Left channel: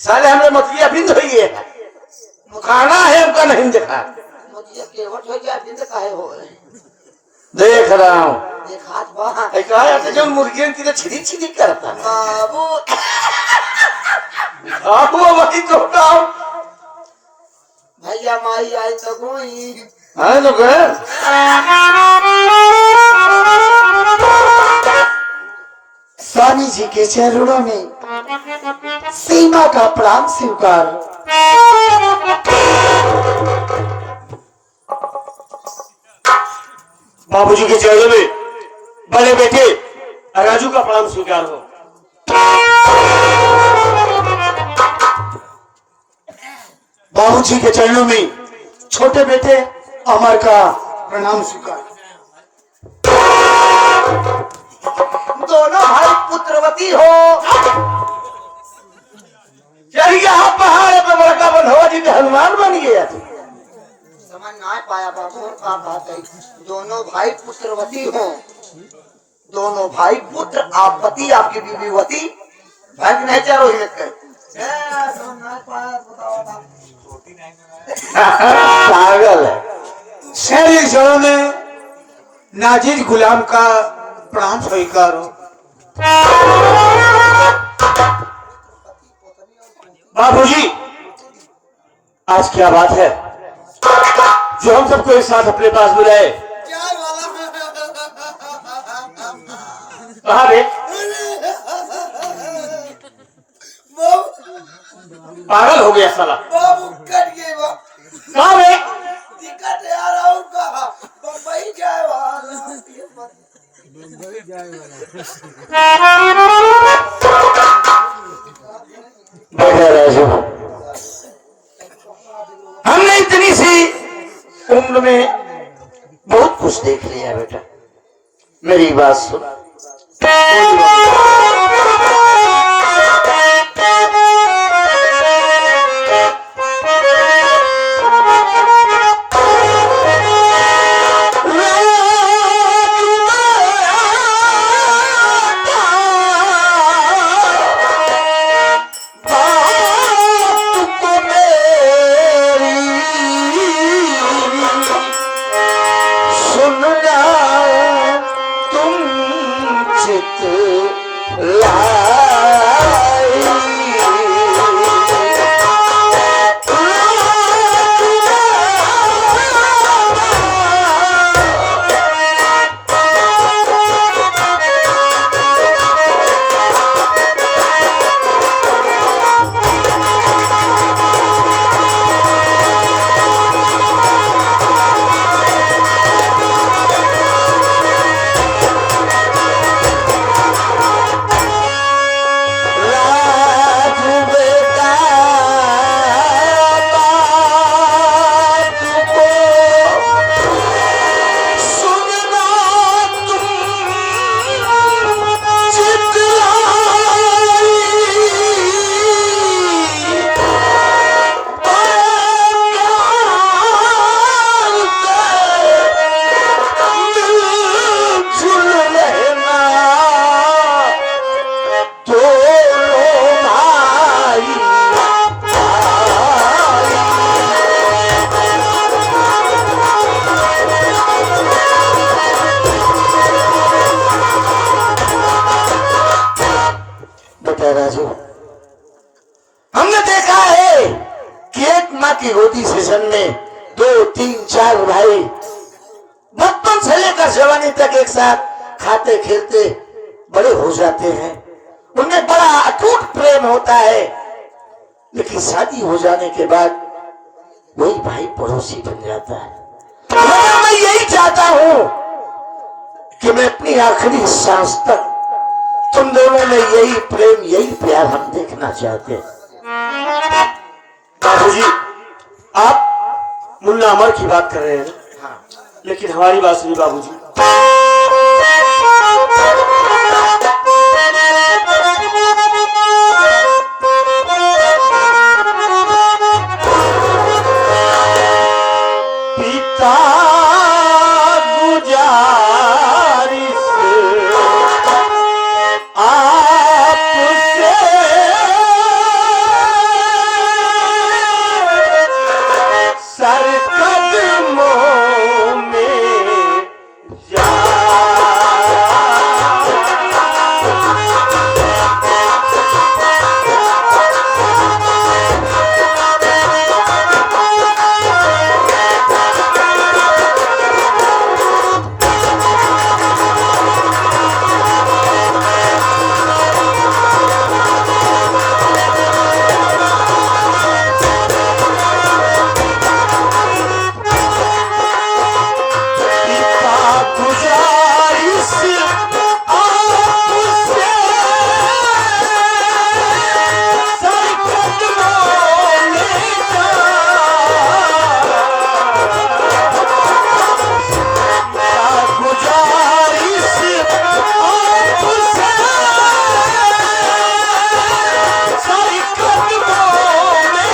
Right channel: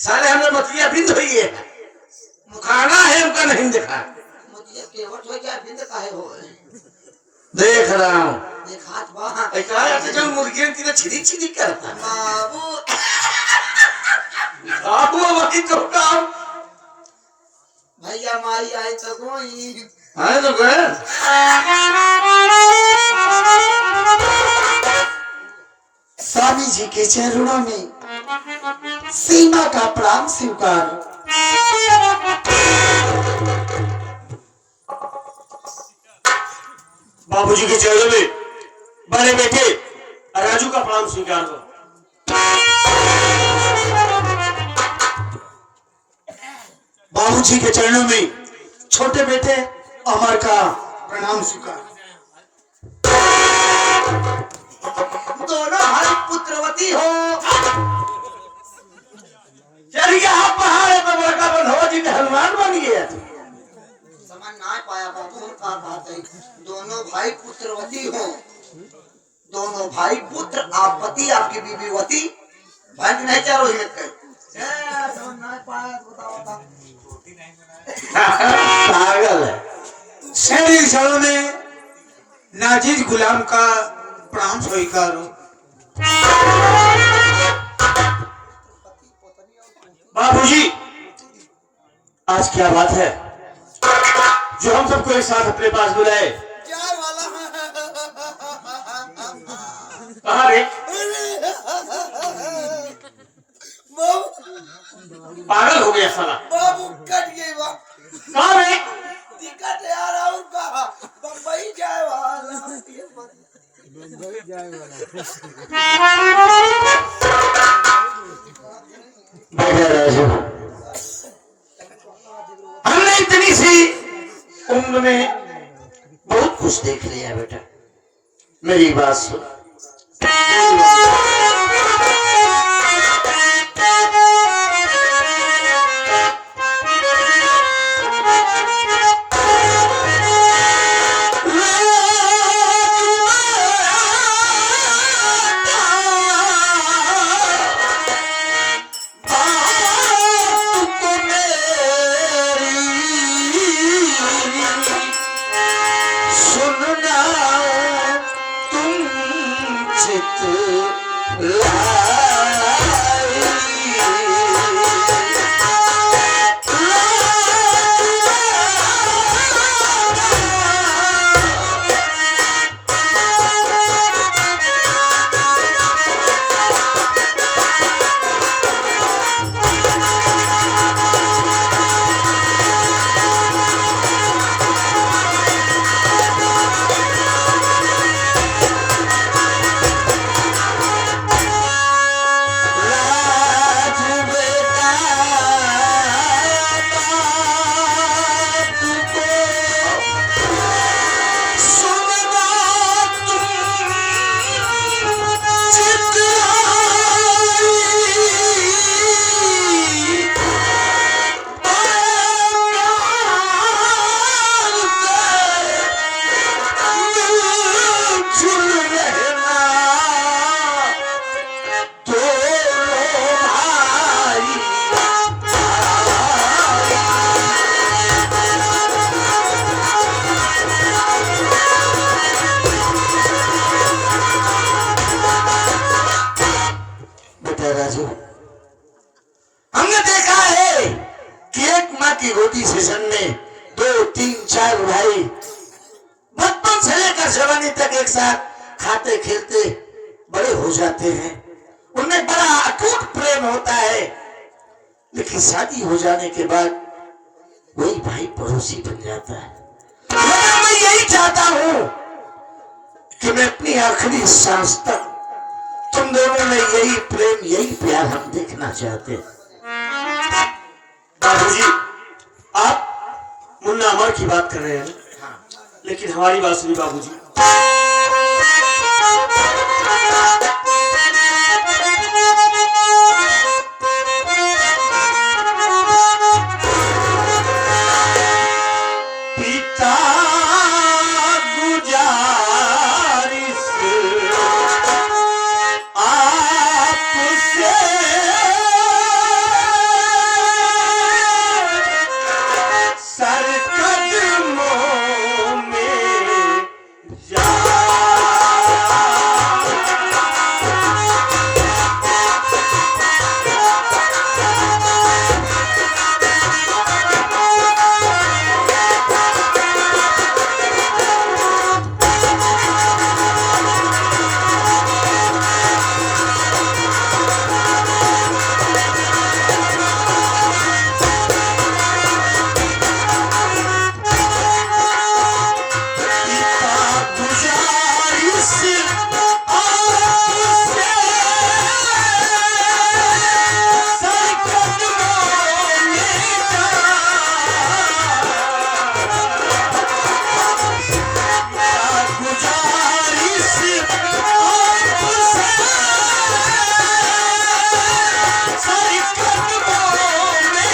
साले हमने मतिया बिंद हुई है, मुखाना है हमका नहीं देखा। मतिया केवट हो गया बिंद काहे हो देख रहा हूँ देखात बा एक आया कि जो मुर्गी की छिदी छिदी करता बाबू बाबू वही तो काम भैया माई आई तो गोई है तो गए। स्वामी जी के चरणों में सीमा का प्रणाम स्वीकार। बाबूजी के चरणों में बड़े बेटे राजू का प्रणाम स्वीकार हो। बाबूजी के चरणों में छोटे बेटे अमर का प्रणाम स्वीकार। दोनों भाई पुत्रवती हो। चल गया पहाड़ पर बड़का बंधवा जी में हनुमान बन गया। समझ ना पाया बाबू का बात है। दोनों भाई पुत्रवती हो, दोनों भाई पुत्र, आप पति आपकी बीवीवती भाई नहीं चलो ही समझ ना पाया बताओ पागल है। शहरी जड़ों ने नाजिर गुलाम का प्रणाम स्वीकार हो। बाबूजी आज क्या बात है जो हम सबको एक साथ अपने पास बुलाए? कहाँ गए? पागल हो गया साला। बाबू कट गए बाबू कहाँ गए? टिकट यार और कहा बम्बई जाए हमने इतनी सी उम्र में बहुत कुछ देख लिया बेटा, मेरी बात सुन। राजू हमने देखा है कि एक माँ की गोदी से जन्मे 2, 3, 4 भाई बचपन से लेकर जवानी तक एक साथ खाते खेलते बड़े हो जाते हैं। उनमें बड़ा अटूट प्रेम होता है, लेकिन शादी हो जाने के बाद वही भाई पड़ोसी बन जाता है। मैं यही चाहता हूँ कि मैं अपनी आखिरी सांस तक तुम दोनों में यही प्रेम यही प्यार हम देखना चाहते हैं। बाबूजी आप मुन्ना अमर की बात कर रहे हैं, लेकिन हमारी बात सुनिए बाबूजी। पिता सारी कदमों में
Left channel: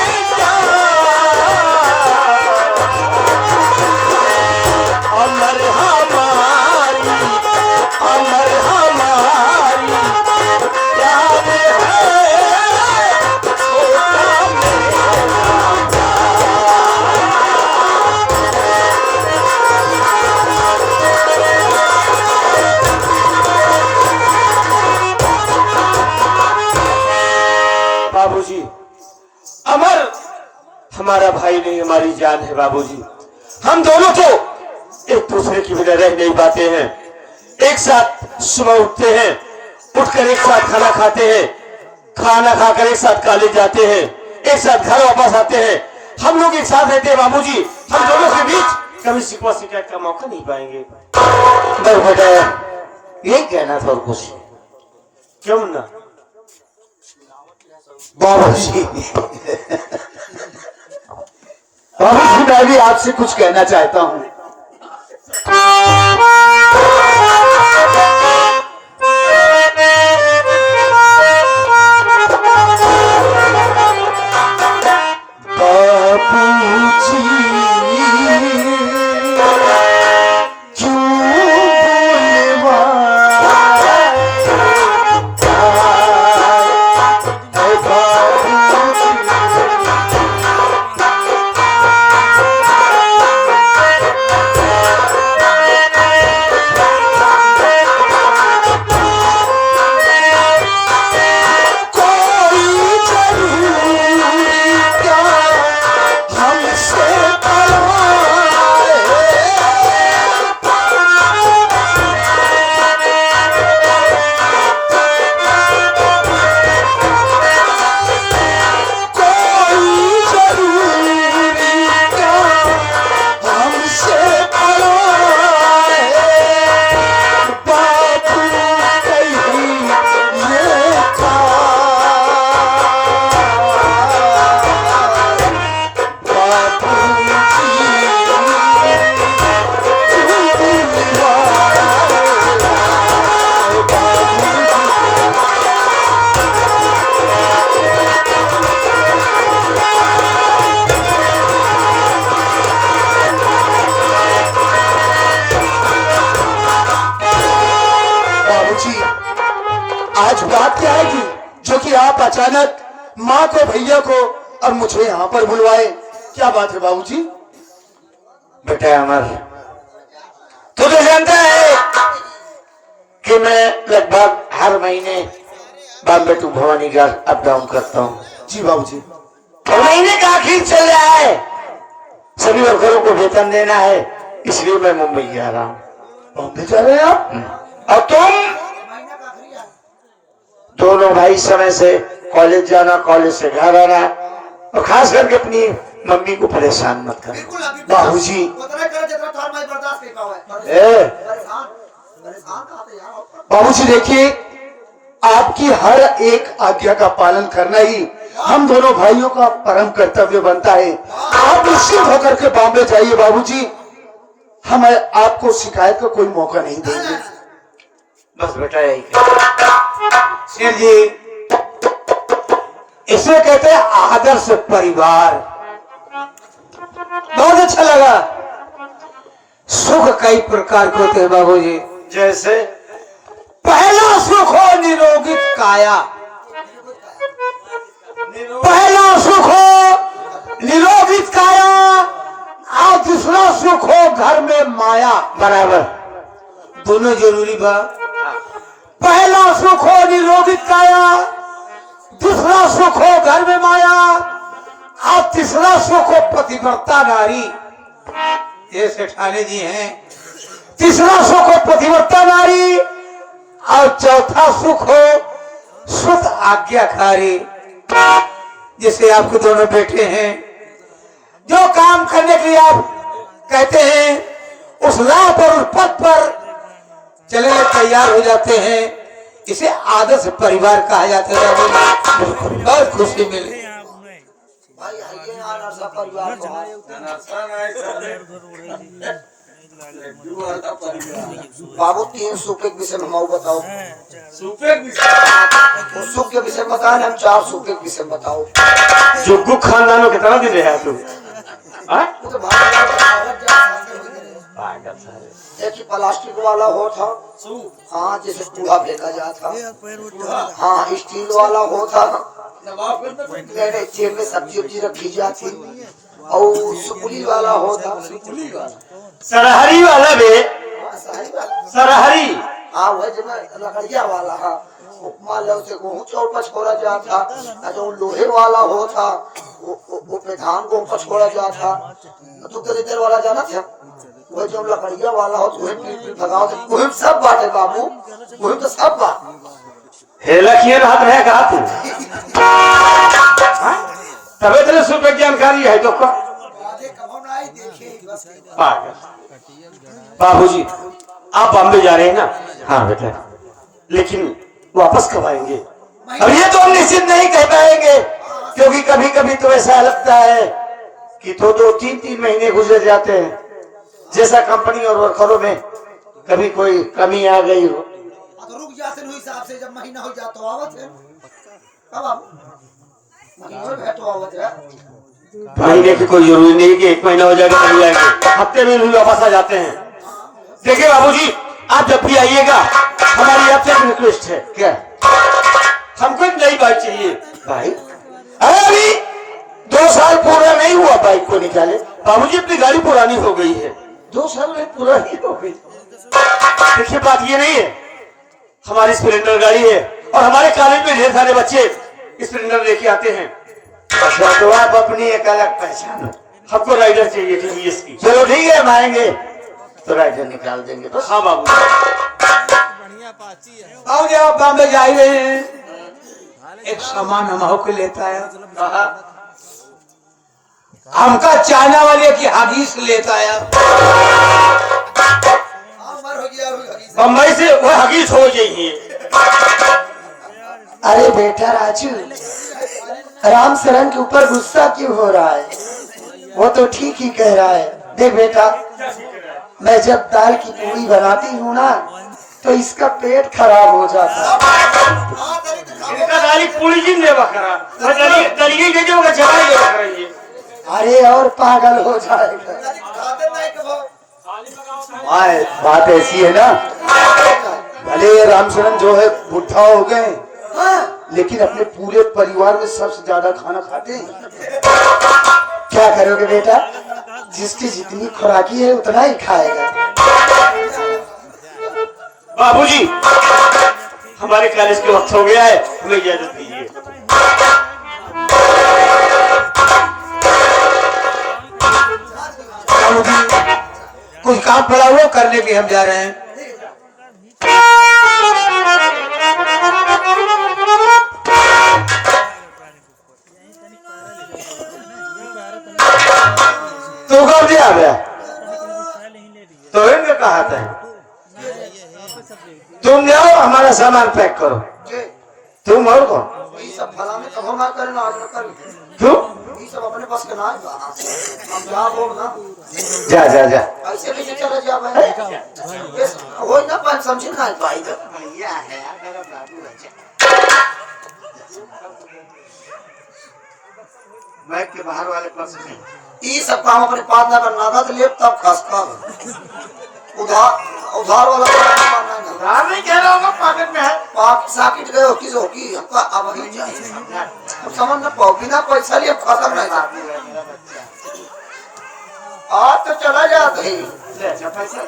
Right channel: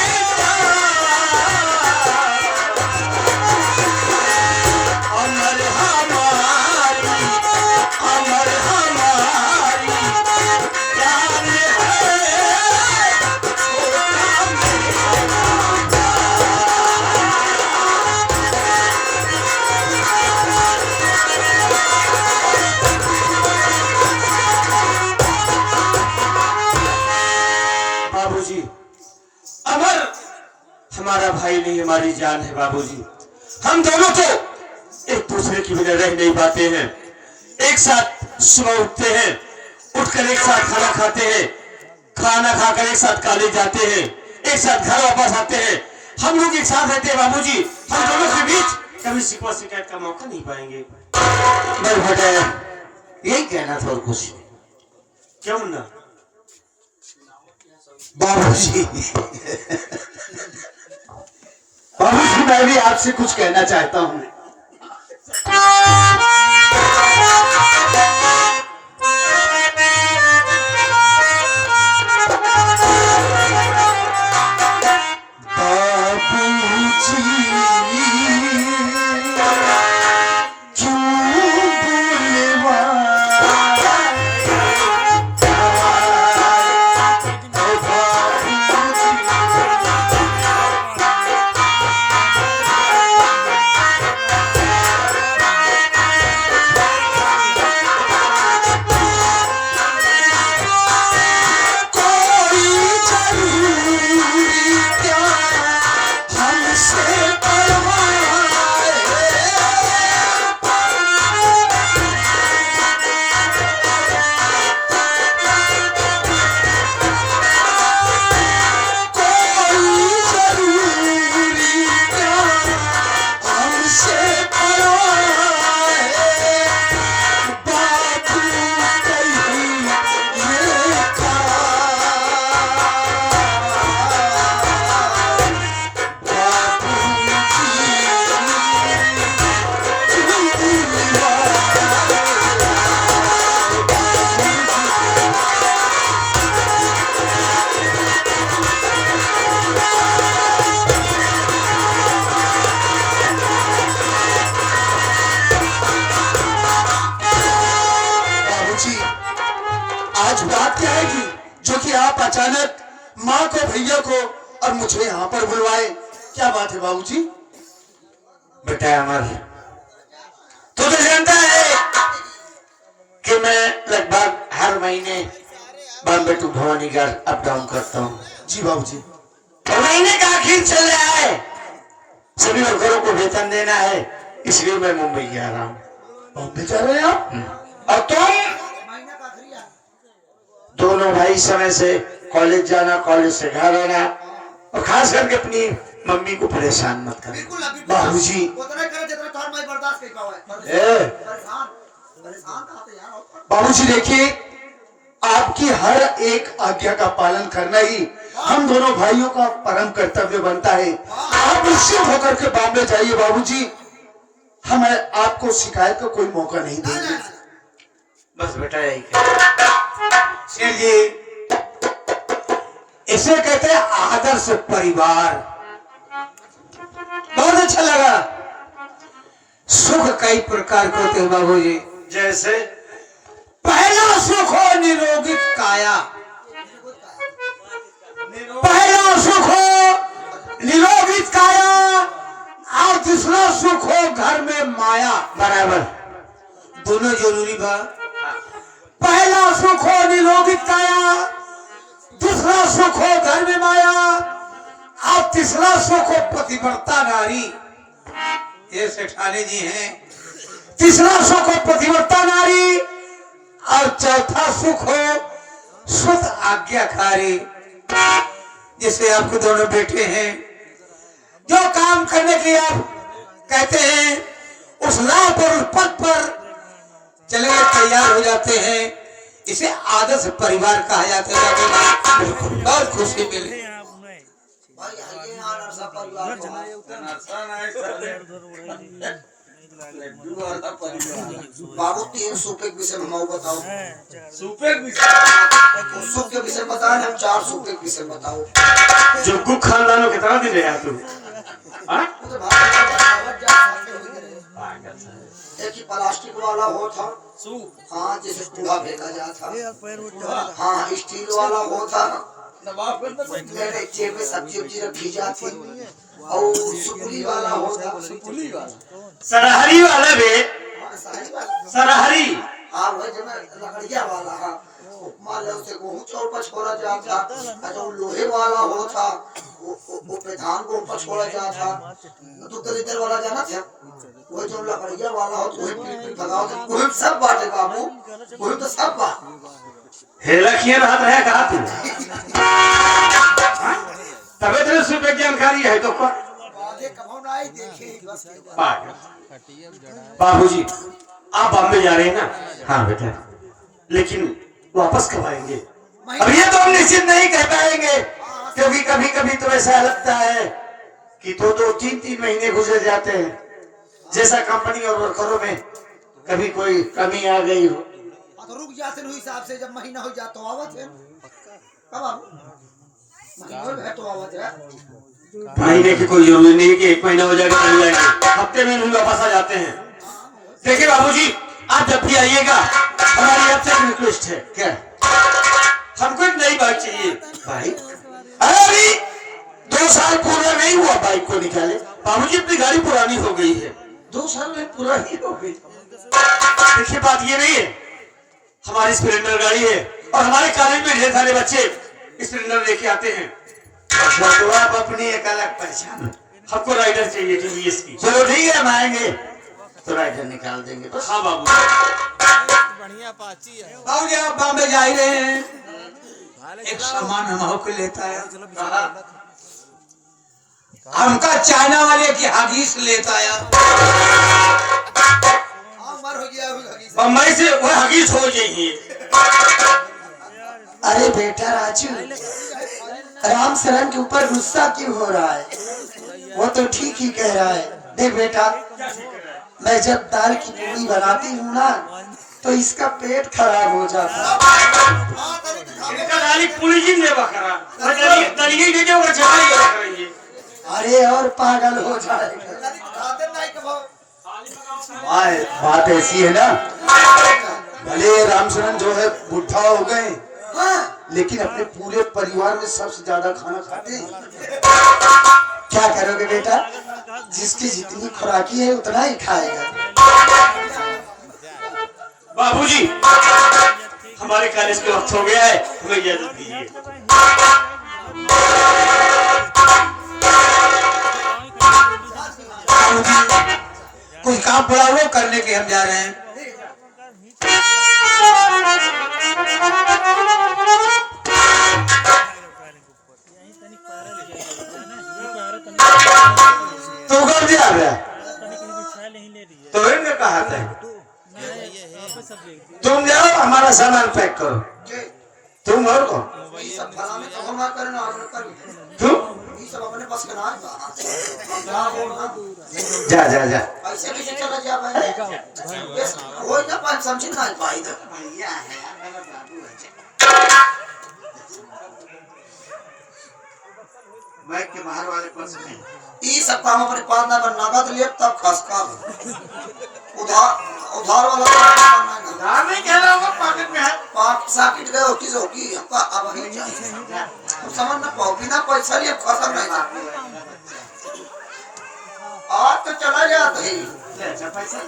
अमर हमारी प्यार है छोटा मेरा। बाबूजी, अमर हमारा भाई नहीं, हमारी जान है बाबूजी। हम दोनों तो एक दूसरे के बिना रह नहीं पाते हैं। एक साथ सुबह उठते हैं, उठकर एक साथ खाना खाते हैं, खाना खाकर एक साथ कॉलेज जाते हैं, एक साथ घर वापस आते हैं। हम लोग एक साथ रहते हैं बाबूजी। हम दोनों के बीच कभी शिकवा शिकायत का मौका नहीं पाएंगे। बस बेटा यही कहना था और कुछ क्यों ना बाबूजी। बाबूजी मैं भी आपसे कुछ कहना चाहता हूँ। आज बात क्या है कि जो कि आप अचानक माँ को, भैया को और मुझे यहाँ पर बुलवाए, क्या बात है बाबूजी? बेटा अमर, तू तो जानता है कि मैं लगभग हर महीने Bombay to Bhawanigarh up down करता हूँ। जी बाबूजी। और महीने का आखिर चल रहा है, सभी वर्करों को वेतन देना है, इसलिए मैं मुंबई जा रहा हूँ। बॉम्बे जा रहे हैं आप? और तुम दोनों भाई समय से कॉलेज जाना, कॉलेज से घर आना, और खास करके अपनी मम्मी को परेशान मत करना। बाबूजी बाबूजी देखिए, आपकी हर एक आज्ञा का पालन करना ही हम दोनों भाइयों का परम कर्तव्य बनता है। आप निश्चिंत होकर के बॉम्बे जाइए बाबूजी, हम आपको शिकायत का कोई मौका नहीं देंगे। बस बेटा यही शेर जी, इसे कहते हैं आदर्श परिवार। बहुत अच्छा लगा। सुख कई प्रकार के होते हैं बाबूजी। जैसे पहला सुख हो निरोगित काया, पहला सुख हो निरोगित काया, और दूसरा सुख हो घर में माया। बराबर, दोनों जरूरी बा। पहला सुख हो निरोगित काया, दूसरा सुख हो घर में माया, और तीसरा सुख हो पतिव्रता नारी। ये सेठानी जी हैं। तीसरा सुख हो पतिव्रता नारी, और चौथा सुख हो शुद्ध आज्ञाकारी। जैसे आपके दोनों बेटे हैं, जो काम करने के लिए आप कहते हैं उस राह पर, उस पथ पर चलने में तैयार हो जाते हैं। इसे आदर्श परिवार कहा जाता है। बिल्कुल, बहुत खुशी मिली। बाबू 3 सूखे के विषय में हम बताओ। सूपे वो सूख के विषय में बताए, हम 4 सूखे के विषय में बताओ। जुग्गू खानदान में कितना दिन रहा तू? हाँ? वो तो एक ही प्लास्टिक वाला हो था, हाँ, जैसे कूड़ा फेंका जाता, हाँ, स्टील वाला हो था, जेब में सब्जी उब्जी रखी जाती, और सुपुली वाला हो था, सरहरी वाला बे, सरहरी, हाँ, वह जो लकड़िया वाला, हाँ, मान लो उसे गेहूं चौड़ छोड़ा जाता, जो लोहे वाला हो था, वो पे धान को ऊपर छोड़ा जाता, तो दरिद्र वाला जाना था, वो जो लकड़िया वाला हो, वही पीट भगाओ, वही सब बाटे बाबू, वही तो सब बात। हेला किए बात रहे कहा तू? तबे तेरे सूपे की जानकारी है तो को? बाबूजी, आप बॉम्बे जा रहे हैं ना? हाँ बेटा, लेकिन वापस कब आएंगे? अब ये तो हम निश्चित नहीं कह पाएंगे, क्योंकि कभी कभी तो ऐसा लगता है कि 2-3 महीने गुजर जाते हैं, जैसा कंपनी और वर्करों में कभी कोई कमी आ गई हो तो रुक जाते हैं हिसाब से, जब महीना हो जाता तो आवत है, कब आप महीना तो आवत है। महीने की कोई जरूरी नहीं है कि 1 महीना हो जाएगा तभी आएंगे, हफ्ते में भी वापस आ जाते हैं। देखिए बाबूजी, आप जब भी आइएगा, हमारी आपसे एक रिक्वेस्ट है। क्या? हमको एक नई बाइक चाहिए। बाइक? अरे 2 साल पूरा नहीं हुआ बाइक को निकाले। बाबूजी, अपनी गाड़ी पुरानी हो गई है। 2 साल में पुरानी हो गई। देखिए, बात ये नहीं है, हमारी स्प्लेंडर गाड़ी है और हमारे कॉलेज में ढेर सारे बच्चे स्प्लेंडर लेके आते हैं, तो आप अपनी एक अलग पहचान। हमको राइडर चाहिए टीवीएस की। चलो ठीक है, हम आएंगे तो राइडर निकाल देंगे। बस। हाँ बाबू, बाबूजी आप बॉम्बे जा ही रहे हैं, एक सामान हम को लेता है, हमका चाइना वाले की हदीस लेता है। बम्बई से वो हगीज हो जाइए। अरे बेटा राजू, राम शरण के ऊपर गुस्सा क्यों हो रहा है? वो तो ठीक ही कह रहा है। देख बेटा, मैं जब दाल की पूरी बनाती हूँ ना, तो इसका पेट खराब हो जाता गाली पूरी जी ले बकरा, दलिए के जो चला ये बकरा। अरे और पागल हो जाएगा। बात ऐसी है ना, भले ये रामचरण जो है बुढ़ा हो गए, लेकिन अपने पूरे परिवार में सबसे ज्यादा खाना खाते हैं। क्या करोगे बेटा, जिसकी जितनी खुराकी है उतना ही खाएगा। बाबूजी, हमारे कॉलेज के वक्त हो गया है, हमें इजाजत दीजिए। कुछ काम पड़ा हुआ करने के हम जा रहे हैं। तो कब से आ गया? तो इनके कहा था तुम जाओ, हमारा सामान पैक करो। तुम और कौन? ये सब फला में कब ना करना, आज न कर। तुम ये सब अपने बस के ना है। हम जा बोल ना, जा जा जा। ऐसे भी चले जा भाई, बस हो ना पान समझ ना पाई तो भैया है मेरा बाबू है। बैठ के बाहर वाले पर्स में ये सब काम अपने पास ना करना, नगद ले तब खसका उधार वाला उधार नहीं कह रहा हूँ, पॉकेट में है, पाक साकिट गए होकी जो होकी हमका अब नहीं चाहिए। अब समझ ना पाओ, बिना पैसा लिए खत्म नहीं जाती। आज तो चला जाता है, पैसा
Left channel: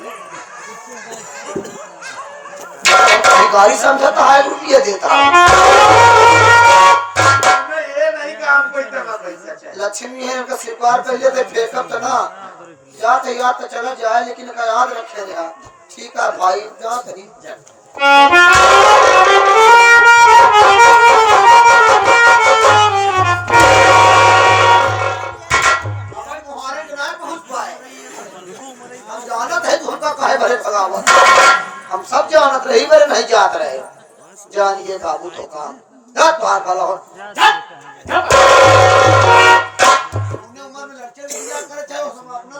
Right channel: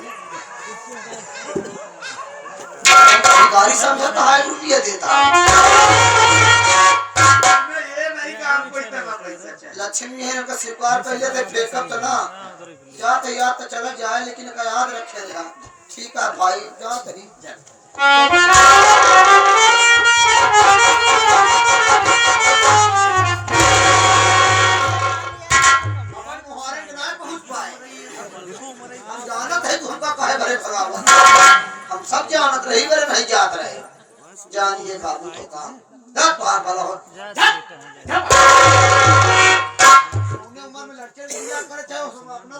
गाड़ी समझता है, रुपये देता लक्ष्मी है उनका स्वीकार कर लिया, फेंकब तो ना याद तो चला जाए, लेकिन का याद रखे रहा। ठीक है भाई, जा करी हम जानत है तो उनका काहे भरे भगावा, हम सब जानत रही भरे नहीं जात रहे। जानिए बाबू तो काम बार वाला हो उम्र में लड़के लिया करे, चाहे अपना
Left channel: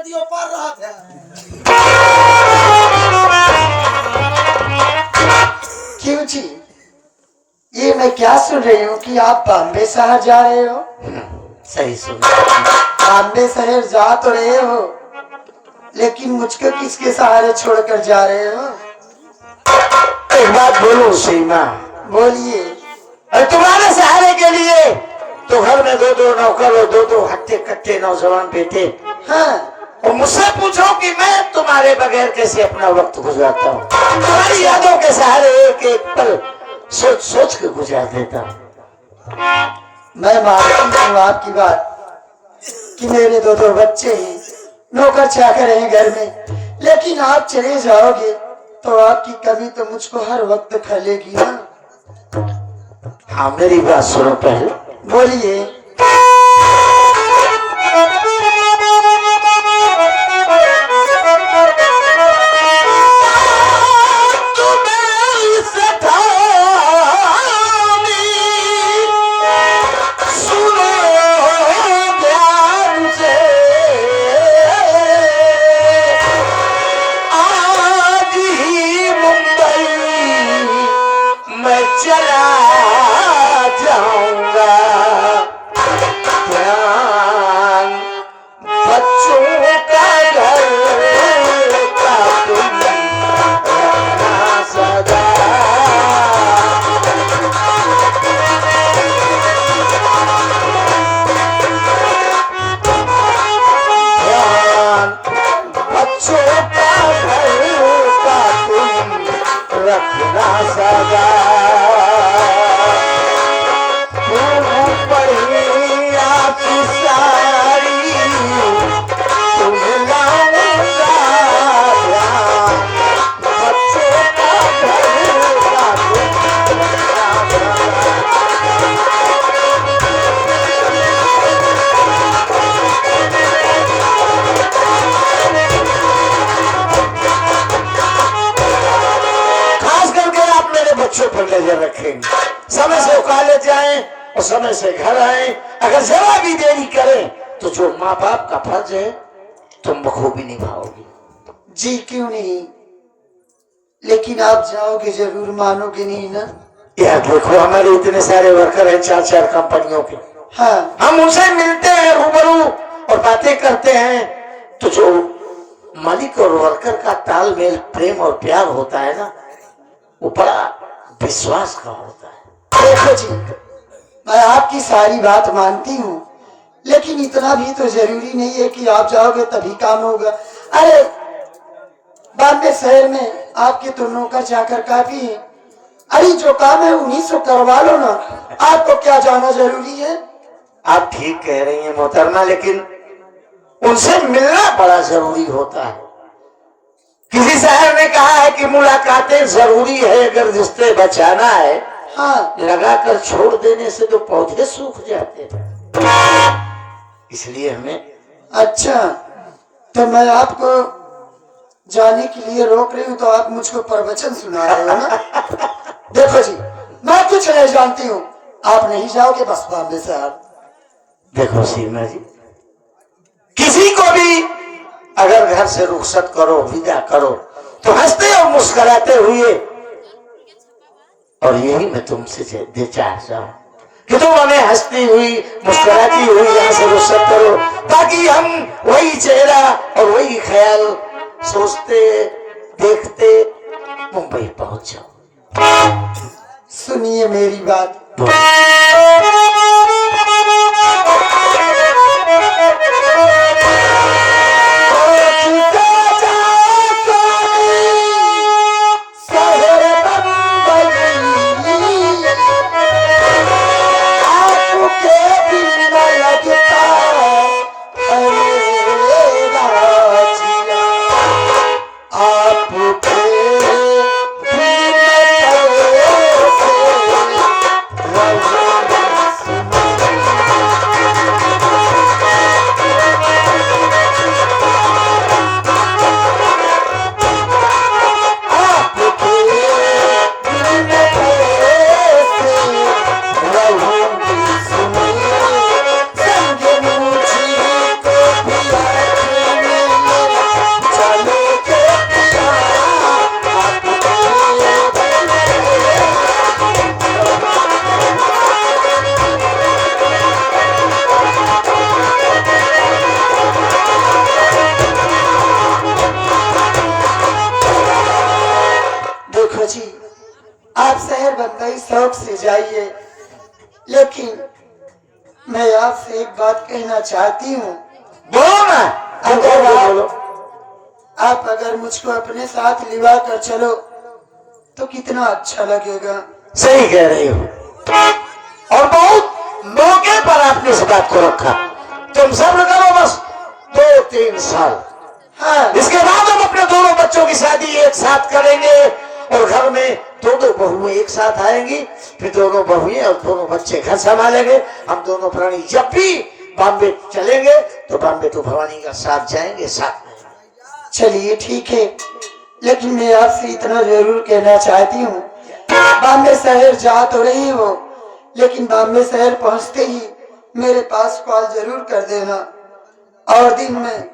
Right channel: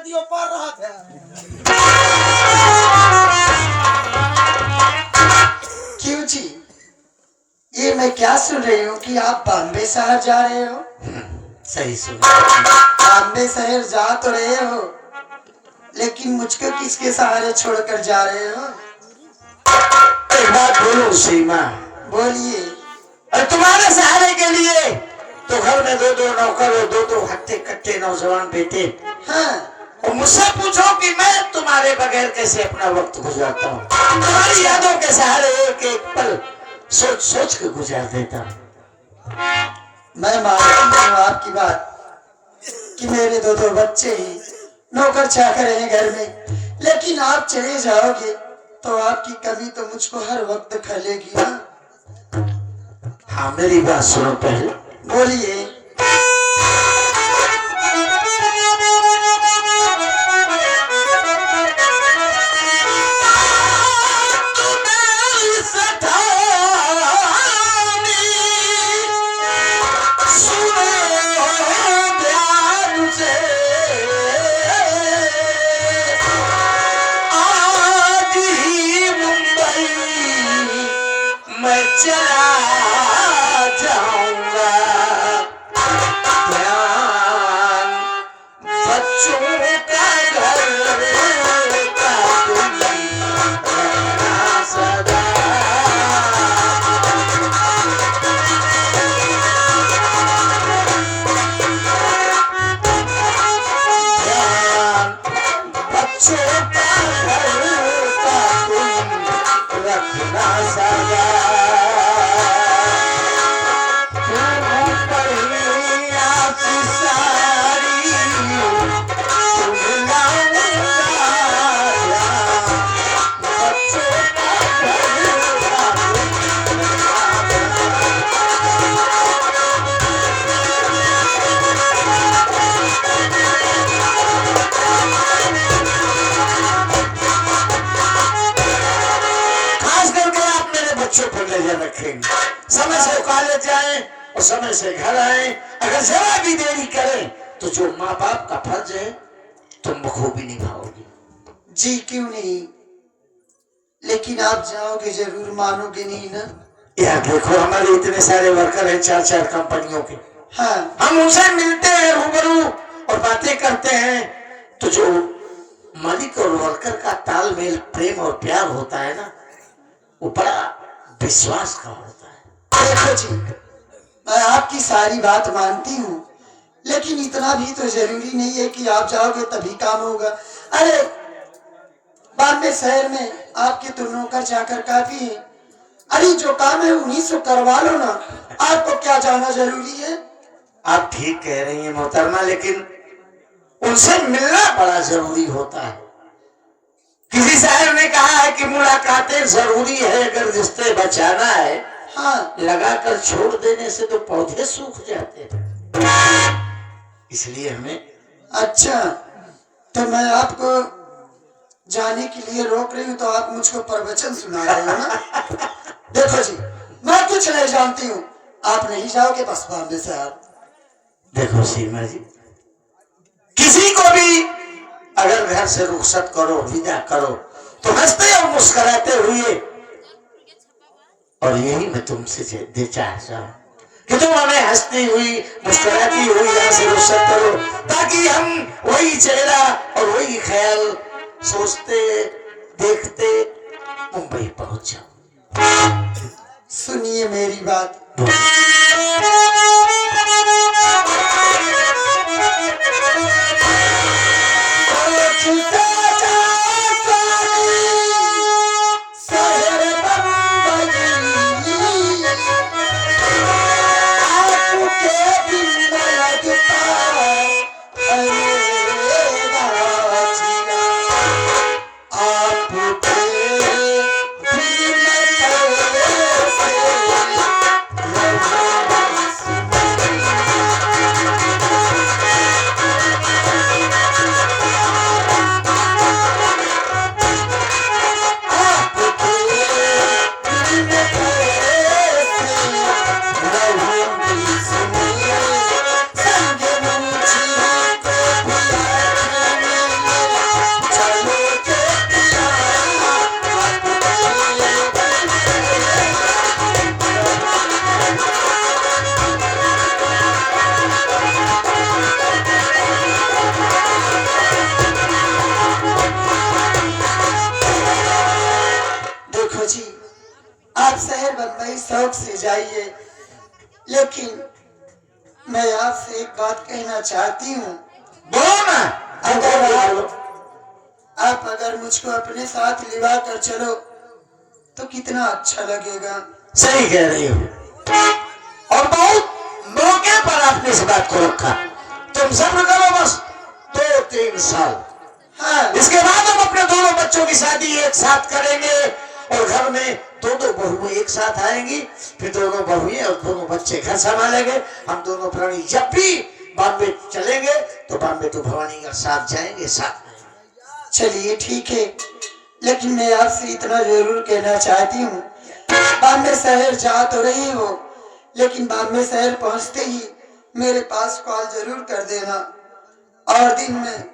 नदियों पार रहा था। क्यों जी, ये मैं क्या सुन रही हूँ कि आप बॉम्बे शहर जा रहे हो? सही सुन। बॉम्बे शहर जा तो रहे हो, लेकिन मुझको किसके सहारे छोड़कर जा रहे हो? एक बात बोलूं सीमा, बोलिए। अरे तुम्हारे सहारे के लिए तो घर में दो दो नौकर और दो दो हट्टे कट्टे नौजवान बेटे। हाँ, और मुझसे पूछो कि मैं तुम्हारे बगैर कैसे अपना वक्त गुजारता हूँ। तुम्हारी यादों के सहारे एक एक पल सोच सोच के गुजार देता हूँ। मैं मानता हूँ आपकी बात कि मेरे दो दो बच्चे हैं, नौकर चाकर हैं घर में, लेकिन आप चले जाओगे तो आपकी कमी तो मुझको हर वक्त खलेगी ना। हाँ, मेरी बात सुनो पहले। बोलिए। चला जाऊंगा, ध्यान बच्चों का घर का तुम रखना सदा। ध्यान बच्चों का घर का तुम रखना सदा। बच्चों पर नजर रखेंगे, समय से कॉलेज जाएं और समय से घर आए। अगर जरा भी देरी करें तो जो माँ बाप का फर्ज है तुम बखूबी निभाओगी। जी क्यों नहीं, लेकिन आप जाओगे जरूर, मानोगे नहीं ना? यार देखो, हमारे इतने सारे वर्कर हैं, चार चार कंपनियों के। हाँ, हम उनसे मिलते हैं रूबरू और बातें करते हैं, तो जो मालिक और वर्कर का तालमेल, प्रेम और प्यार होता है ना, वो बड़ा विश्वास का होता है। देखो जी, मैं आपकी सारी बात मानती हूँ, लेकिन इतना भी तो जरूरी नहीं है कि आप जाओगे तभी काम होगा। अरे बॉम्बे शहर में आपके तो नौकर चाकर काफी है। अरे जो काम है उन्हीं से करवा लो ना, आपको क्या जाना जरूरी है? आप ठीक कह रही हैं मोहतरमा, लेकिन उनसे मिलना बड़ा जरूरी होता है। किसी शायर ने कहा है कि मुलाकातें जरूरी है अगर रिश्ते बचाना है। हाँ, लगाकर छोड़ देने से तो पौधे सूख जाते हैं, इसलिए हमें। अच्छा, तो मैं आपको जाने के लिए रोक रही हूँ तो आप मुझको प्रवचन सुना रहे हो ना? देखो जी, मैं कुछ नहीं जानती हूँ, आप नहीं जाओगे बस बॉम्बे से। आप देखो सीमा जी, किसी को भी अगर घर से रुखसत करो, विदा करो, तो हंसते और मुस्कुराते हुए, और यही मैं तुमसे चाहता हूँ कि तुम हमें हंसती हुई मुस्कुराती हुई यहाँ से रुखसत करो, ताकि हम वही चेहरा और वही ख्याल सोचते देखते मुंबई पहुंच जाओ। सुनिए मेरी बात। आप शहर बंबई शौक से जाइए, लेकिन मैं आपसे एक बात कहना चाहती हूँ। बोलो ना। अगर आप अगर मुझको अपने साथ लिवा कर चलो तो कितना अच्छा लगेगा। सही कह रही हो, और बहुत मौके पर आपने इस बात को रखा। तुम सब्र करो बस 2-3 साल, हाँ, इसके बाद हम अपने दोनों बच्चों की शादी एक साथ करेंगे और घर में दोनों बहुएं एक साथ आएंगी, फिर दोनों बहुएं और दोनों बच्चे घर संभालेंगे। हम दोनों प्राणी जब भी बॉम्बे चलेंगे तो बॉम्बे टू भवानी का साथ जाएंगे साथ में। चलिए ठीक है, लेकिन मैं आपसे इतना जरूर कहना चाहती हूँ, बॉम्बे शहर जा तो रही हो, लेकिन बॉम्बे शहर पहुँचते ही मेरे पास कॉल जरूर कर देना, और दिन में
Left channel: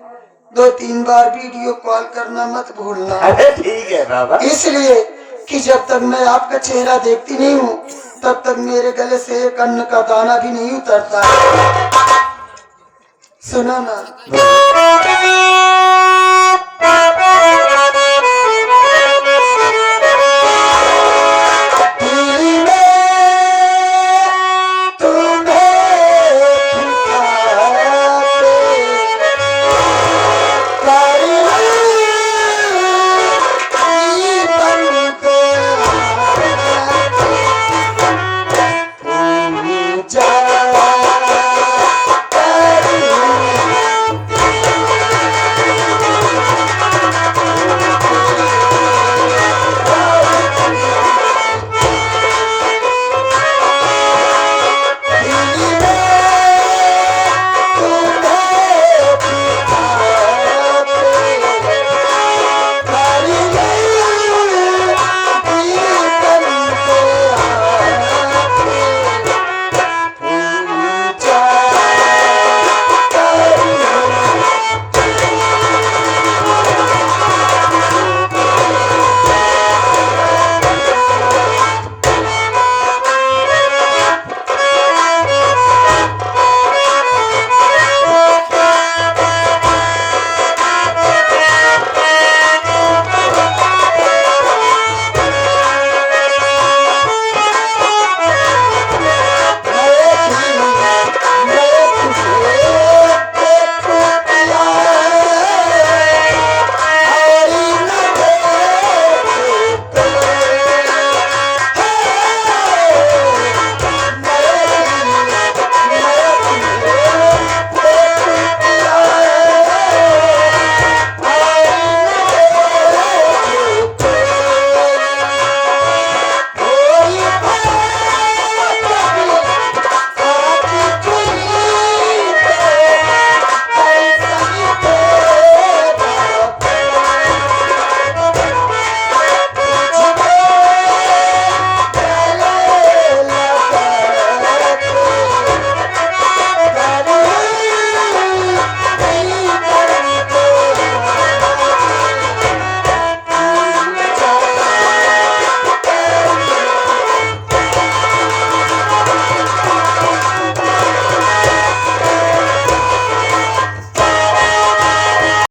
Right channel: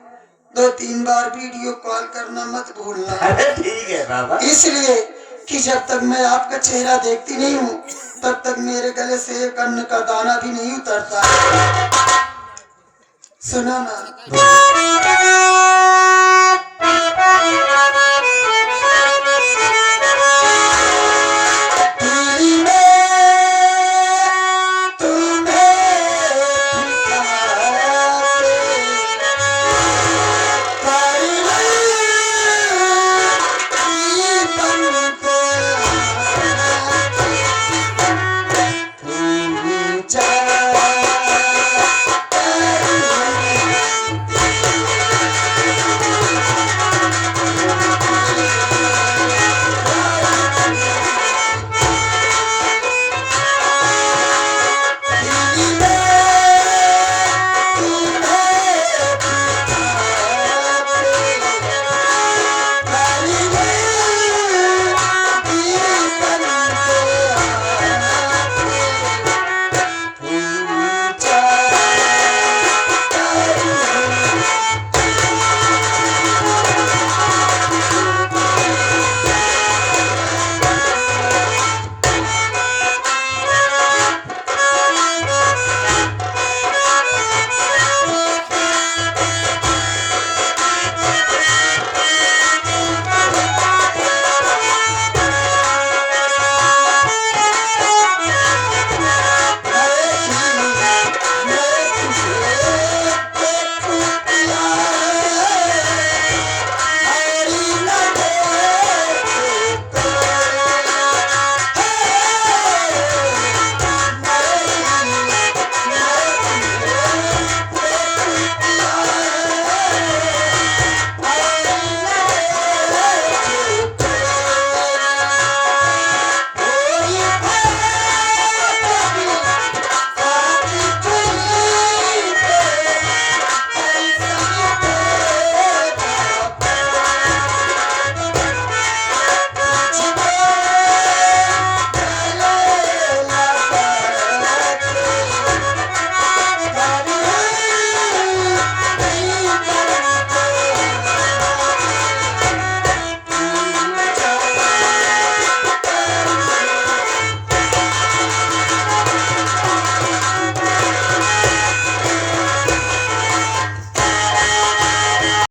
2-3 बार वीडियो कॉल करना मत भूलना। अरे ठीक है बाबा। इसलिए कि जब तक मैं आपका चेहरा देखती नहीं हूँ तब तक मेरे गले से एक अन्न का दाना भी नहीं उतरता। सुनो ना।